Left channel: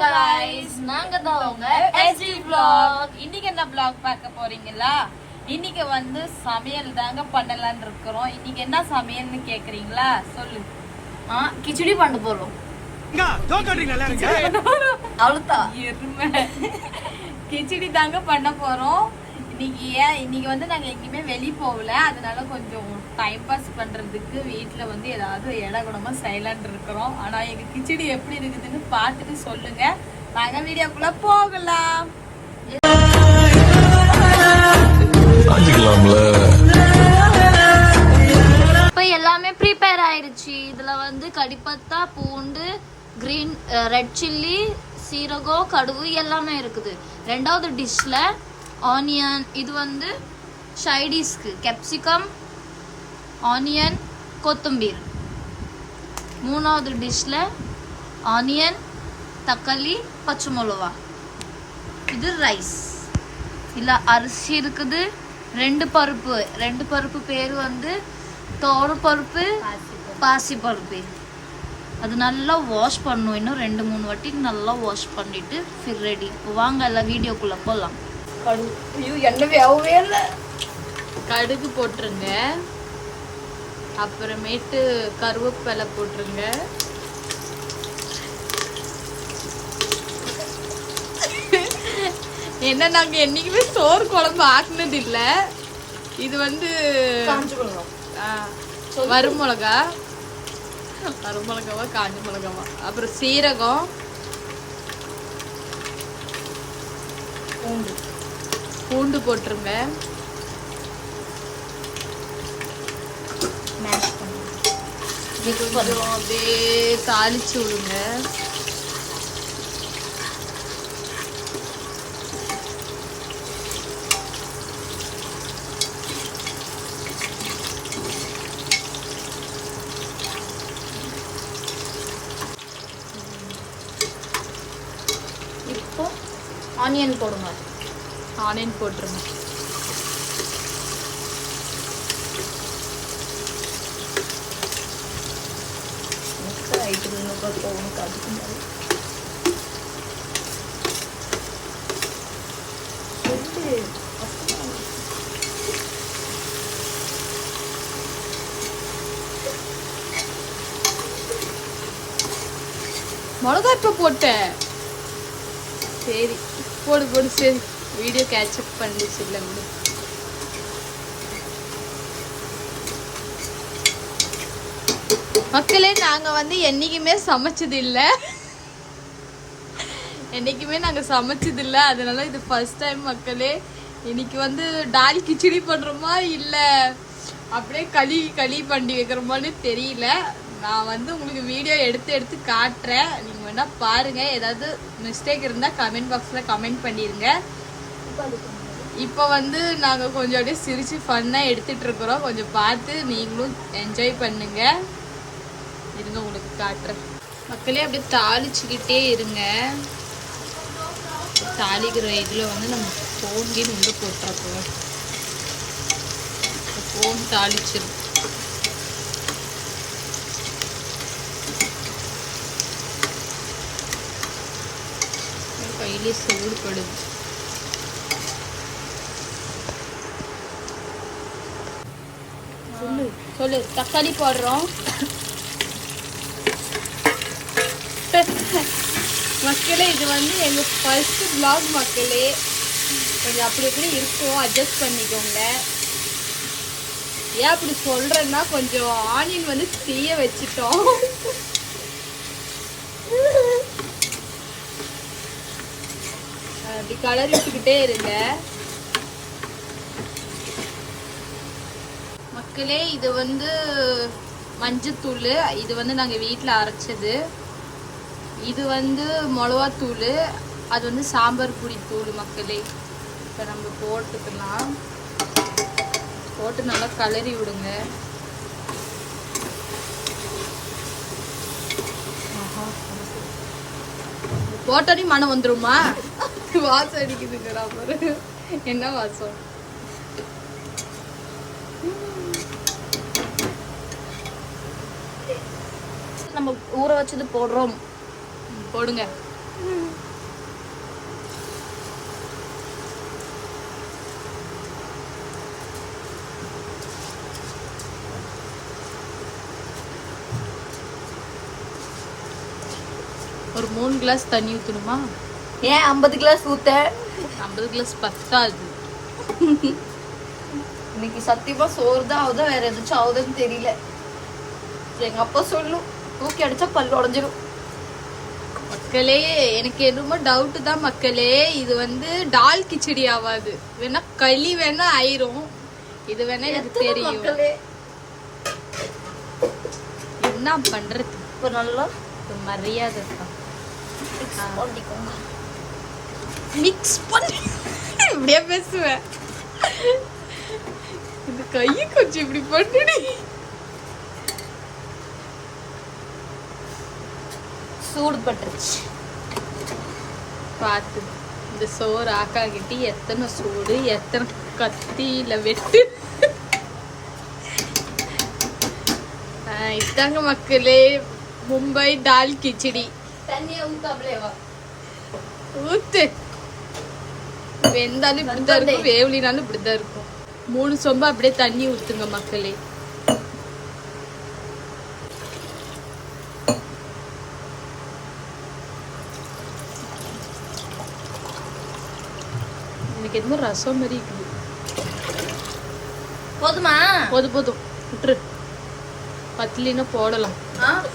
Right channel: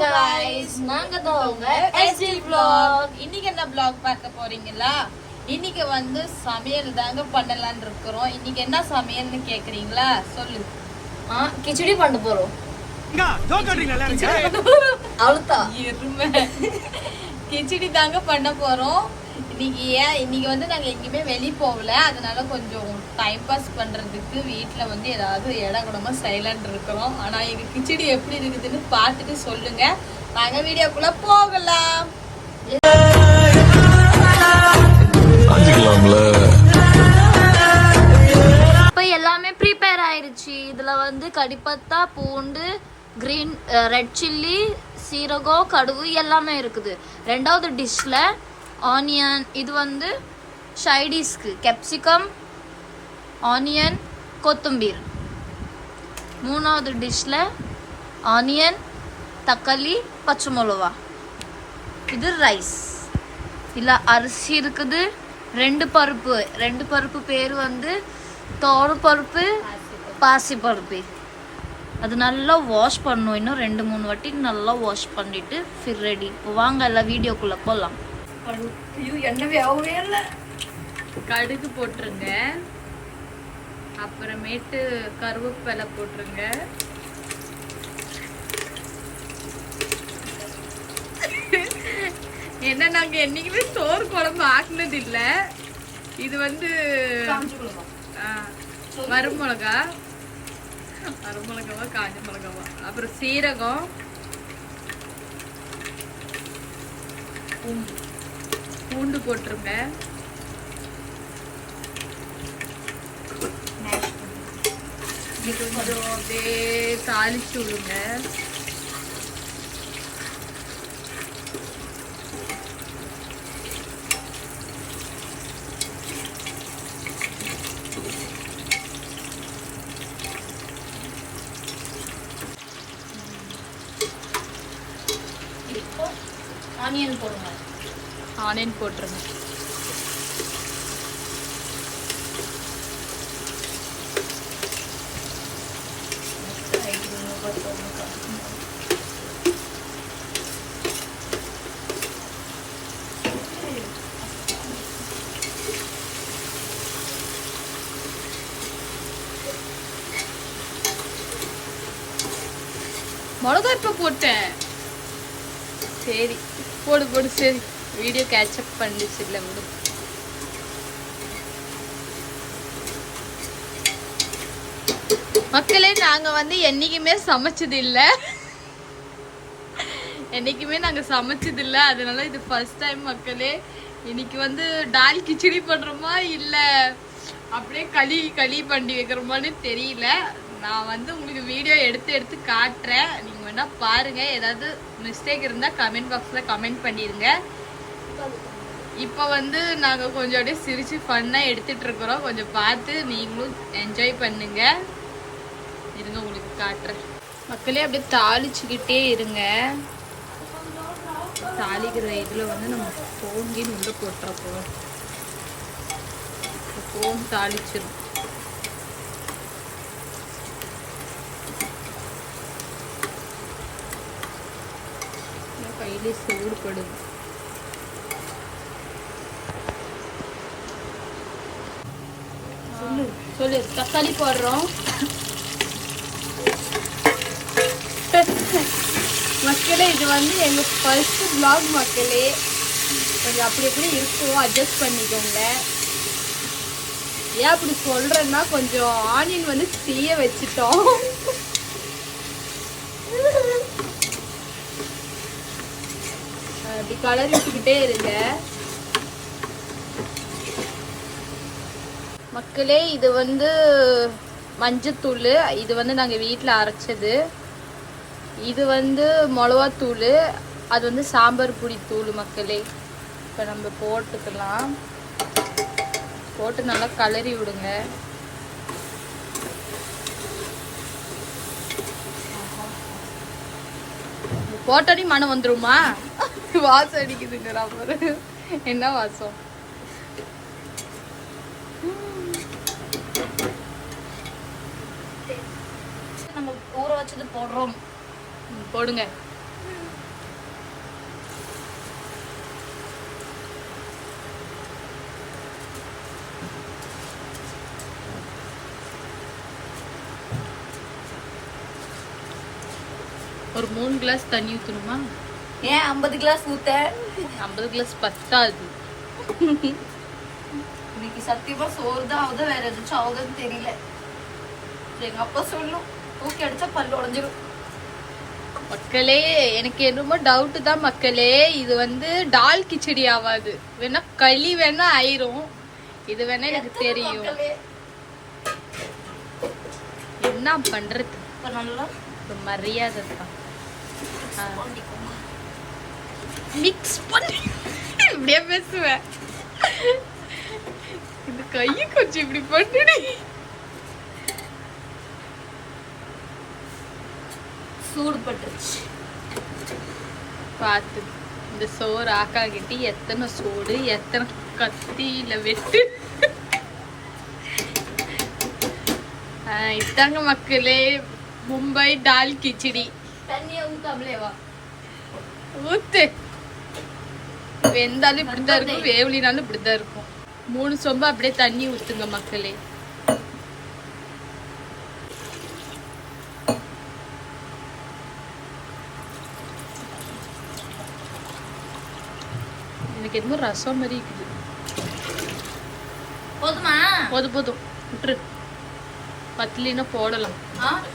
guys, நாங்க தான் உங்க SD vlog. இன்னைக்கு என்ன vlog பார்க்க போறீங்களா? இன்னைக்கு வந்து சமையல் தாங்க பண்ணலாம்னு இருக்கோம். இன்னைக்கு என்ன சமையல்னு கேக்குறீங்களா? சொல்லு. கிச்சடி பண்ண போறோம். அவ்வளவுதான். கிச்சடி தாங்க பண்ண போறோம். இன்னைக்கு வந்து நாங்க எங்கேயுமே வெளியே போகல, அதனால கொஞ்சம் டைம் பாஸ் பண்றதுக்கு வீட்டுல வந்து ஏதாவது இடகுடமா சைலண்ட் இருக்கிறோம். ஆனா எங்க கிச்சடி எப்படி இருக்குதுன்னு பார்த்துட்டு சொல்லுங்க. நாங்க வீடியோக்குள்ள போகலாம். இப்ப எல்லாமே ப்ரிப்பேர் ஆயிருச்சு. இதுல வந்து கடிப்பத்தா, பூண்டு, கிரீன், ரெட் சில்லி, சீரகம், கடுகு எல்லாமே இருக்குது. ரெண்டாவது டிஷ்ல ஆனியன், இது வந்து சைடிஷ்க்கு கேப்சிகம், ஆனியன், கொத்தம்பீர். மூணாவது டிஷ்ல ஆனியன், தக்காளி, பச்சை மிளகா. இது ரைஸ். இல்ல அரிசி இருக்குது. ரெண்டு பருப்பு பேர் வந்து தோர பருப்பு, பாசி பருப்பு. அது நல்லா வாஷ் பண்ணும். இன்னும் 2-3 வாட்டி நல்லா வாஷ் பண்ணிட்டு ஃபிர் ரெடி. வாங்க எல்லாம் வீடியோக்குள்ள போலாம். கடுகு போட்டுருங்க, அப்புறமேட்டு கருவேப்பிலை போட்டுருங்க, என்ன நாங்க என்னைக்குமே சோறு குழம்பு ஆக்குனது இல்ல. இது வந்து வறுமிளகாவா காஞ்ச மிளகாவா, அப்புறம் சீரகம், பூண்டு போட்டுருங்க. கொஞ்சம் அப்படியே தாளிச்சு விடுங்க. இப்போ ஆனியன் போடுங்க. ஆனியன் போட்டுருங்க. மிளகாத்தூள் போட்டேன். சரி போடு. சரி வீடியோ கேட்சப் பண்ணிச்சு இல்லை விடு. மக்களே, நாங்க வந்து என்னைக்குமே சமைச்சது இல்லை. அதனால இது ஃபர்ஸ்ட் டைம் மக்களே. இன்னைக்கு வந்து டால் கிச்சடி பண்றோமா இல்ல அப்படியே களி பண்ணி வைக்கிறோமான்னு தெரியல. நான் வந்து உங்களுக்கு வீடியோ எடுத்து காட்டுறேன். நீங்க வேணா பாருங்க. ஏதாவது மிஸ்டேக் இருந்தா கமெண்ட் பாக்ஸ்ல கமெண்ட் பண்ணிருங்க. இப்போ வந்து நாங்க கொஞ்சம் அப்படியே சிரிச்சு ஃபன்னா எடுத்துட்டு இருக்கிறோம். கொஞ்சம் பார்த்து நீங்களும் என்ஜாய் பண்ணுங்க. இருங்க உங்களுக்கு காட்டுறேன். மக்களே அப்படியே தாளிச்சுக்கிட்டே இருங்க. தாளிக்கிற இதுல வந்து நம்ம போங்கின்னு உள்ள போட்டுறோம். போம் தாளிச்சிடும். கையிலே சூடுபடுது. சொல்லு. தக்காளி போடுறோம் மக்களே. இது வந்து எங்க ஃபர்ஸ்ட் vlog மக்களே. கொஞ்சம் அப்படி இருக்கும், அட்ஜஸ்ட் பண்ணிக்கோங்க. ஏன் அப்படி சொல்றேன்னா, கொஞ்சம் ஆனியன் வந்து தீய வச்சுட்டோம். அப்படி கலர் விட்டுக்கிட்டே இருங்க மக்களே. இது வந்து மஞ்சத்தூள். இது வந்து நாங்க வீட்டுல அரைச்சது. இது வந்து மிளகாத்தூள். அது வந்து சாம்பார் பொடி தூள் மக்களே. இப்ப நம்ம போட்டுக்கலாம். போட்டு நல்லா கலரி விடுங்க. போட்டோடி மனம் வந்துருமா? வாசம் அடிக்குதுங்கடா பாரு. என்ன வாசம்? நம்ம ஊற வச்சது போடுறோம். போடுங்க. ஒரு 3 கிளாஸ் தண்ணி ஊற்றணுமா? ஏன் 50 கிளாஸ் ஊத்த? 50 கிளாஸ் பத்தாது. இன்னைக்கு சத்தியமா சோறு தான் ஆகுதா வேற எதாச்சும் ஆகுதுன்னு தெரியல. எங்க அப்பா சொல்லும் தூக்கி அடிச்சா பல்லு உடஞ்சிரும். மக்களே எனக்கு எதுவுமே டவுட் தான் மக்களே. இது வந்து டால் கிச்சடி ஆகாது, வேணா களி வேணா ஆயிரும். இது வேணா எனக்கு தெரியும். என்ன பண்றது? இப்போ நல்லா மரியாதை தான் பண்ணிக்கோங்க. மிக்ஸ் பண்ணி இப்படியே பேசுவேன். இந்த கையை கொஞ்சம் இப்படி பண்ணுடி. சூடு பட்டுருச்சு பார்த்து. இந்த சோறு ஆக்காகிட்டு எத்தனை சூடு, எத்தனை கத்தியில வெட்டு. இதாங்க மக்களே மும்பை டால் கிச்சடி. தண்ணியை ஊத்தாமலேவா? ஊத்து. வெந்தாலும் இப்படிதான் இருக்கும், வேவலினாலும் இப்படிதான் இருக்கும். 3 சொம்பு அப்படியே தண்ணி ஊத்துங்க மக்களே. எனக்கு எதுவும் ரசம் மாதிரி இருக்குது. போதுமா? போதும் போதும் விட்டுரு. பத்துலினா போடலாம்.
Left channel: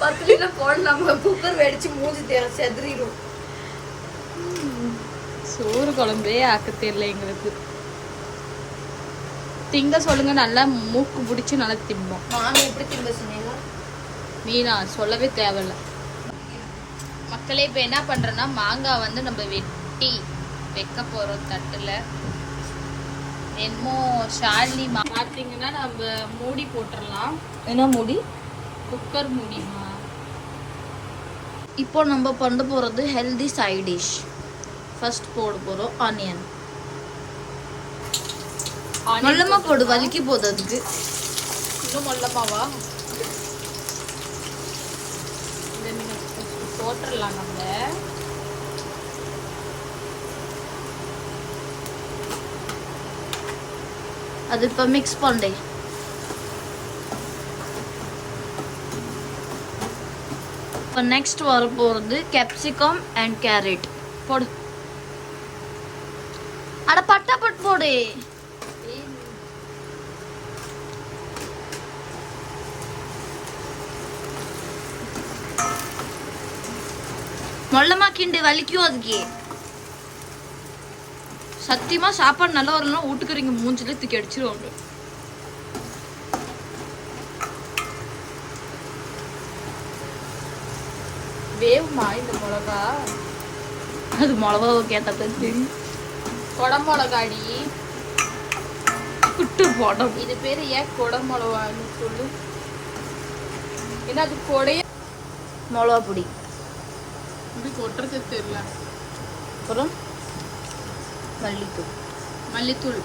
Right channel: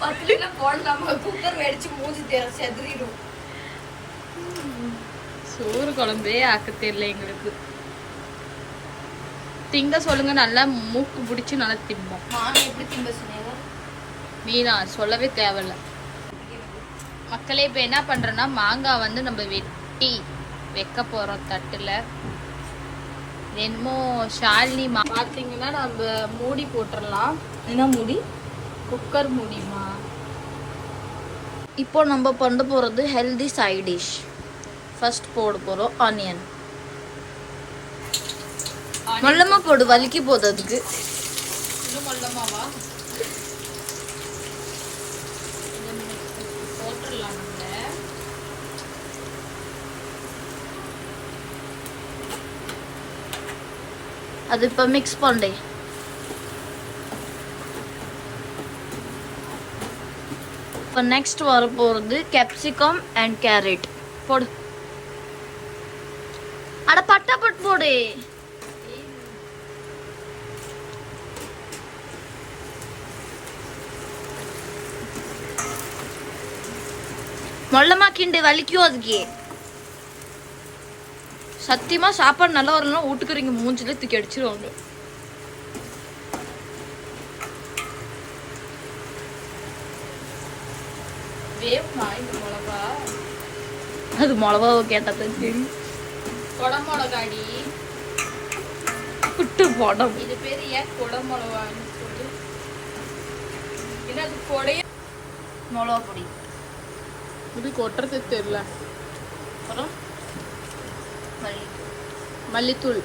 10 லிட்டர் போடலாம். குக்கர் வெடிச்சு மூஞ்சி செதறிடும். சோறு குழம்பே ஆக்க தெரியல எங்களுக்கு. திங்க சொல்லுங்க, நல்லா மூக்கு பிடிச்சி நல்லா திம்போம். நான் எப்படி திம்ப சொன்னீங்க? நீனா சொல்லவே தேவையில்ல. மக்களே இப்ப என்ன பண்றோம்னா மாங்காய் வந்து நம்ம வெட்டி வைக்க போறோம் தட்டுல. என்னமோ ஷாலினி பாத்தீங்கன்னா நம்ம மூடி போட்டுடலாம். என்ன மூடி? குக்கர் மூடிமா. இப்போ நம்ம பண்ண போறது ஹெல்தி சைட் டிஷ். ஃபர்ஸ்ட் போட போறோம் ஆனியன். மொல்லமா போடு, வலிக்கி போகுது அதுக்கு. இன்னும் மொல்லமாவா? போட்டுடலாம் நம்ம. அது இப்ப மிக்ஸ் பண்ணே. இப்போ நெக்ஸ்ட் வர போறது கேப்சிகம் அண்ட் கேரட் போடு. அட பட்டா பட் போடு. மொல்லமா கிண்டு, வலிக்கும் அதுக்கு. சத்தியமா சாப்பாடு நல்லா வரலாம் வீட்டுக்குறீங்க மூஞ்சில தூக்கி அடிச்சிருவாங்க. வேவுமா இந்த மிளகா? அது மிளகாவை கேட்டா தெரியும். கொடமிளகாடி குட்டு போடும். இது பேரு ஏன் கொடமிளகான்னு சொல்லு? ஏன்னா அது கொடைய மிளகா பொடி. இப்படி கொட்டுறது தெரியல. அப்புறம் மல்லித்தூள்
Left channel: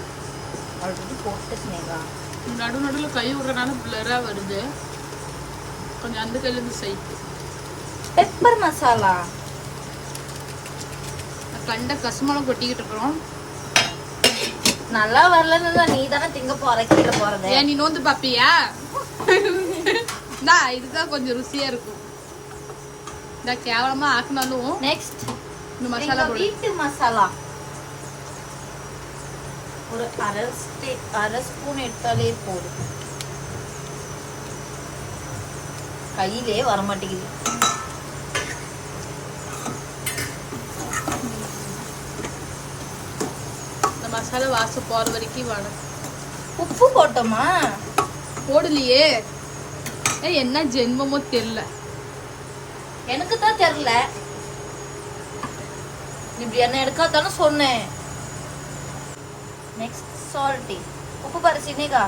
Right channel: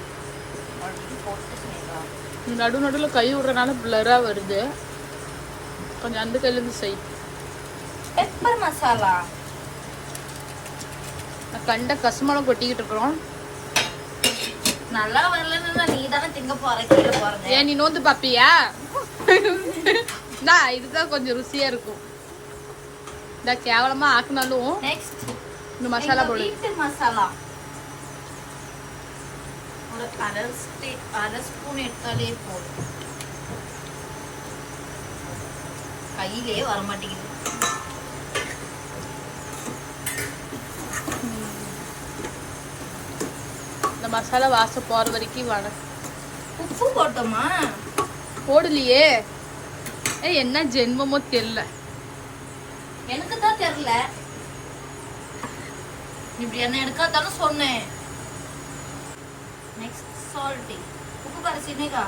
நடு நடுவில் கை விடுறதுனால பிளரா வருது. கொஞ்சம் அந்த கையில இருந்து சைட்டு. பெப்பர் மசாலா. கண்ட கசுமலம் கொட்டிக்கிட்டு இருக்கிறோம். நல்லா வரலன்னு நீ தானே திங்க போற கீழே போறது. ஏன் நீ நோந்து பாப்பியா? இதுதான் கொஞ்சம் ருசியா இருக்கும். இந்த கேவலமா ஆக்கினாலும் நெக்ஸ்ட் இந்த மசாலா போடு. வீட்டு மசாலா ஒரு அரை ஸ்பூன் எடுத்தாலே போதும். கையிலே வர மாட்டேங்குது. இந்த மசாலா வாசம் போற வரைக்கும் வர. உப்பு போட்டோமா? போடலையே. என்ன ஜென்மமோ தெரியல. எனக்கு தான் தெரியல. இப்படி என்ன எடுக்காதானே சொன்னேன். Next salt. உப்பு பாரு சினிகா.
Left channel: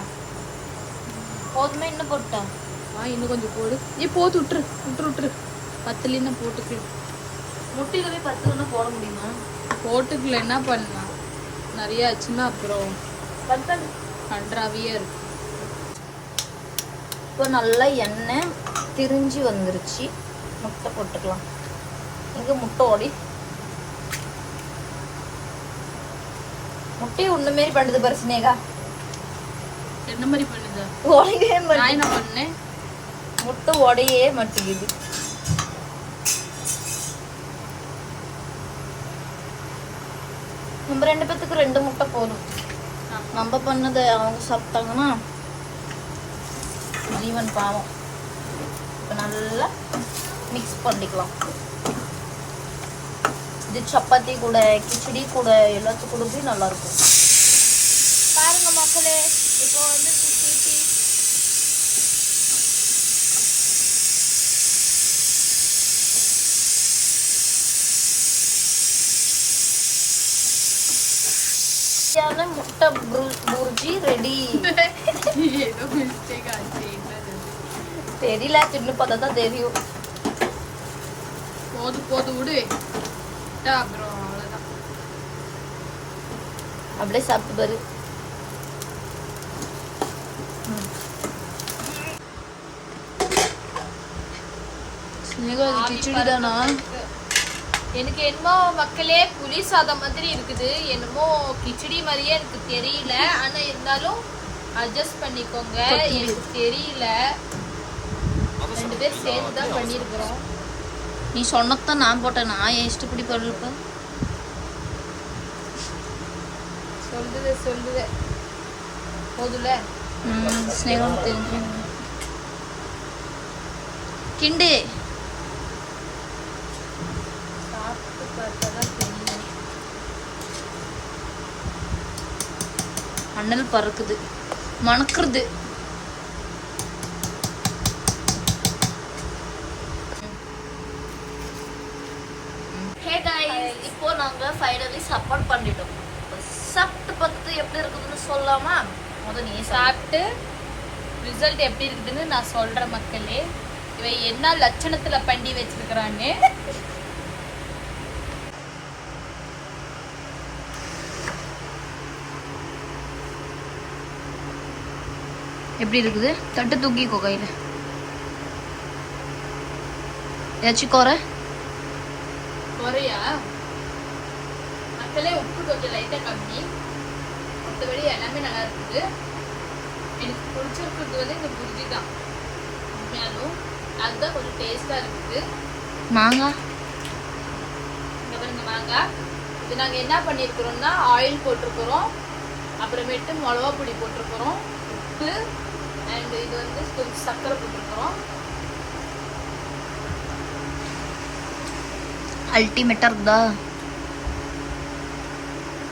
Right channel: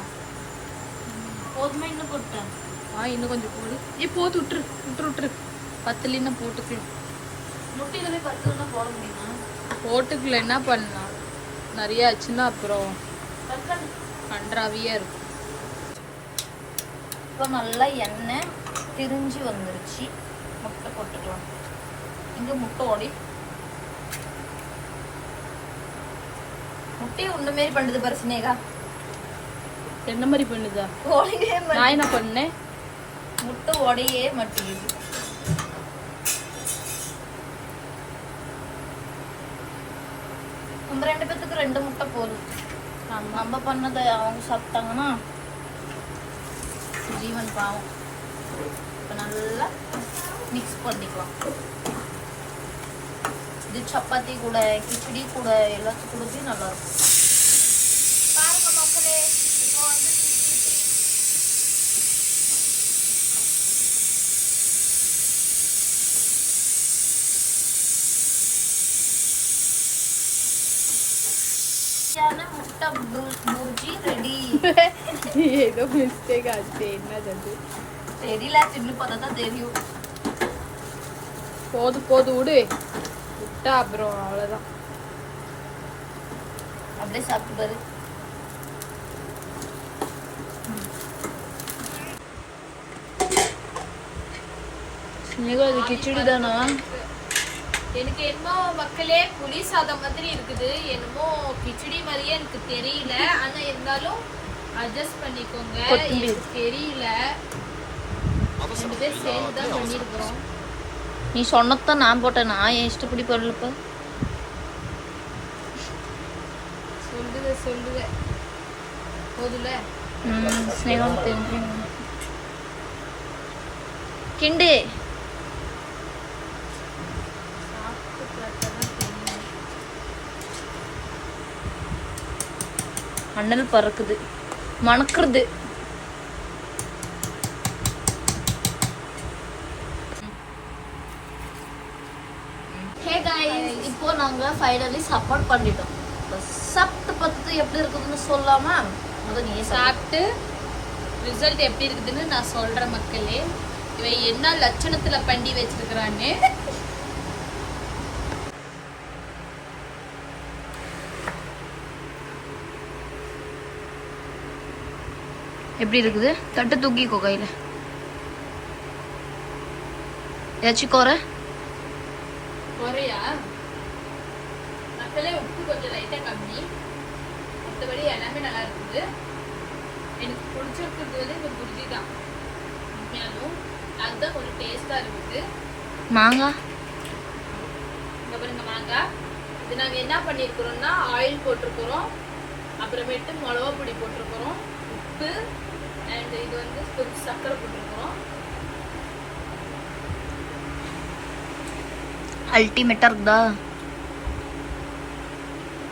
போதுமே இன்னும் போட்டேன். இன்னும் கொஞ்சம் போடு. நீ போட்டு விட்டுரு. பத்துலின்னா போட்டுக்கலாம். முட்டையிலவே 10 போட முடியுமா? போட்டுக்கல என்ன பண்ணலாம். நிறைய ஆச்சுன்னா அப்புறம் நன்றாவியா இருக்கும். இப்போ நல்லா எண்ணெய் திரிஞ்சு வந்துருச்சு. முட்டை போட்டுக்கலாம். எங்க முட்டை ஓடி முட்டையை உன்ன மாரி பண்ணுது பாரு சினேகா. என்ன மாதிரி பண்ணுதா? உடையவே நான் என்ன பண்ணேன்? முட்டை உடையே மாட்டேங்குது. நம்ம 2 பேத்துக்கு 2 முட்டை போதும். நம்ம பண்ணதை அவங்க சாப்பிட்டாங்கன்னா ஜீவன் பாவம். இப்போ நல்லா மிக்ஸ் பண்ணிக்கலாம். இது சப்பாத்தி கூட கிச்சடி கூட எல்லாத்துக்கும் கூட நல்லா இருக்கும். பாருங்க மக்களே, இப்போ வந்து முட்டை பூர்ஜி ரெடி. ஏதோ மிஸ்டேக் ஆச்சு. தெரியல, தின்னு பார்த்தா தான் தெரியும். போது விடு. விட்டா அப்புறம் அவ்வளோதான். அப்படியே சாப்பிடுறது. இது கிச்சடி தானா? எனக்கு என்னமோ மக்களே புளி சாதம் மாதிரி இருக்குது. என்னமோ கிச்சடி மாதிரியே எனக்கு தெரியல. ஆனா இருந்தாலும் அட்ஜஸ்ட் பண்ணிக்கோங்க. எனக்கு தெரியல. 2 பேர் சேர்ந்து தான் பண்ணியிருக்கிறோம். நீ சொன்னதான் நான் போட்டேன். நான் என் இஷ்டப்படி பண்ணலப்ப. சொல்லுது போதுல. ஸ்னேகம் தெரிஞ்சு கிண்டு சாப்பிட்டு பார்த்தா தெரியும். அண்ணல் பறக்குது, மணக்குறது. இப்போ நாங்க ஃபைனலி சப்போர்ட் பண்ணிட்டோம். சாப்பிட்டு பார்த்து எப்படி இருக்குதுன்னு சொல்லாமா? முதல் நீ சாப்பிட்டு ரிசல்ட் எப்படி இருக்குதுன்னு நான் சொல்றேன் மக்களே. இவன் என்ன லட்சணத்துல பண்ணி வச்சிருக்கிறான்னு. எப்படி இருக்குது? தட்டு தூக்கிக்கோ கையில. ஏதாச்சும் குறையா? மக்களே உப்பு கொஞ்சம் லைட்டா கம்மி. மற்றபடி எல்லாமே நல்லா இருக்குது. எனக்கு பிடிச்சிருக்கிறது வந்து இந்த புரிஜி தான். உண்மையாலும் அதுதான் கொஞ்சம் டேஸ்டா இருக்குது. மாங்காய் இங்க பாருங்க மாங்காய். இது நாங்க என்ன பண்ணிருக்கிறோம்னா ஆயில் போட்டிருக்கிறோம், அப்புறமேட்டு மிளகா பொடி போட்டிருக்கிறோம், உப்பு அண்ட் இது வந்து கொஞ்சம் சர்க்கரை போட்டிருக்கிறோம். அல்டிமேட்டா இருக்குதா?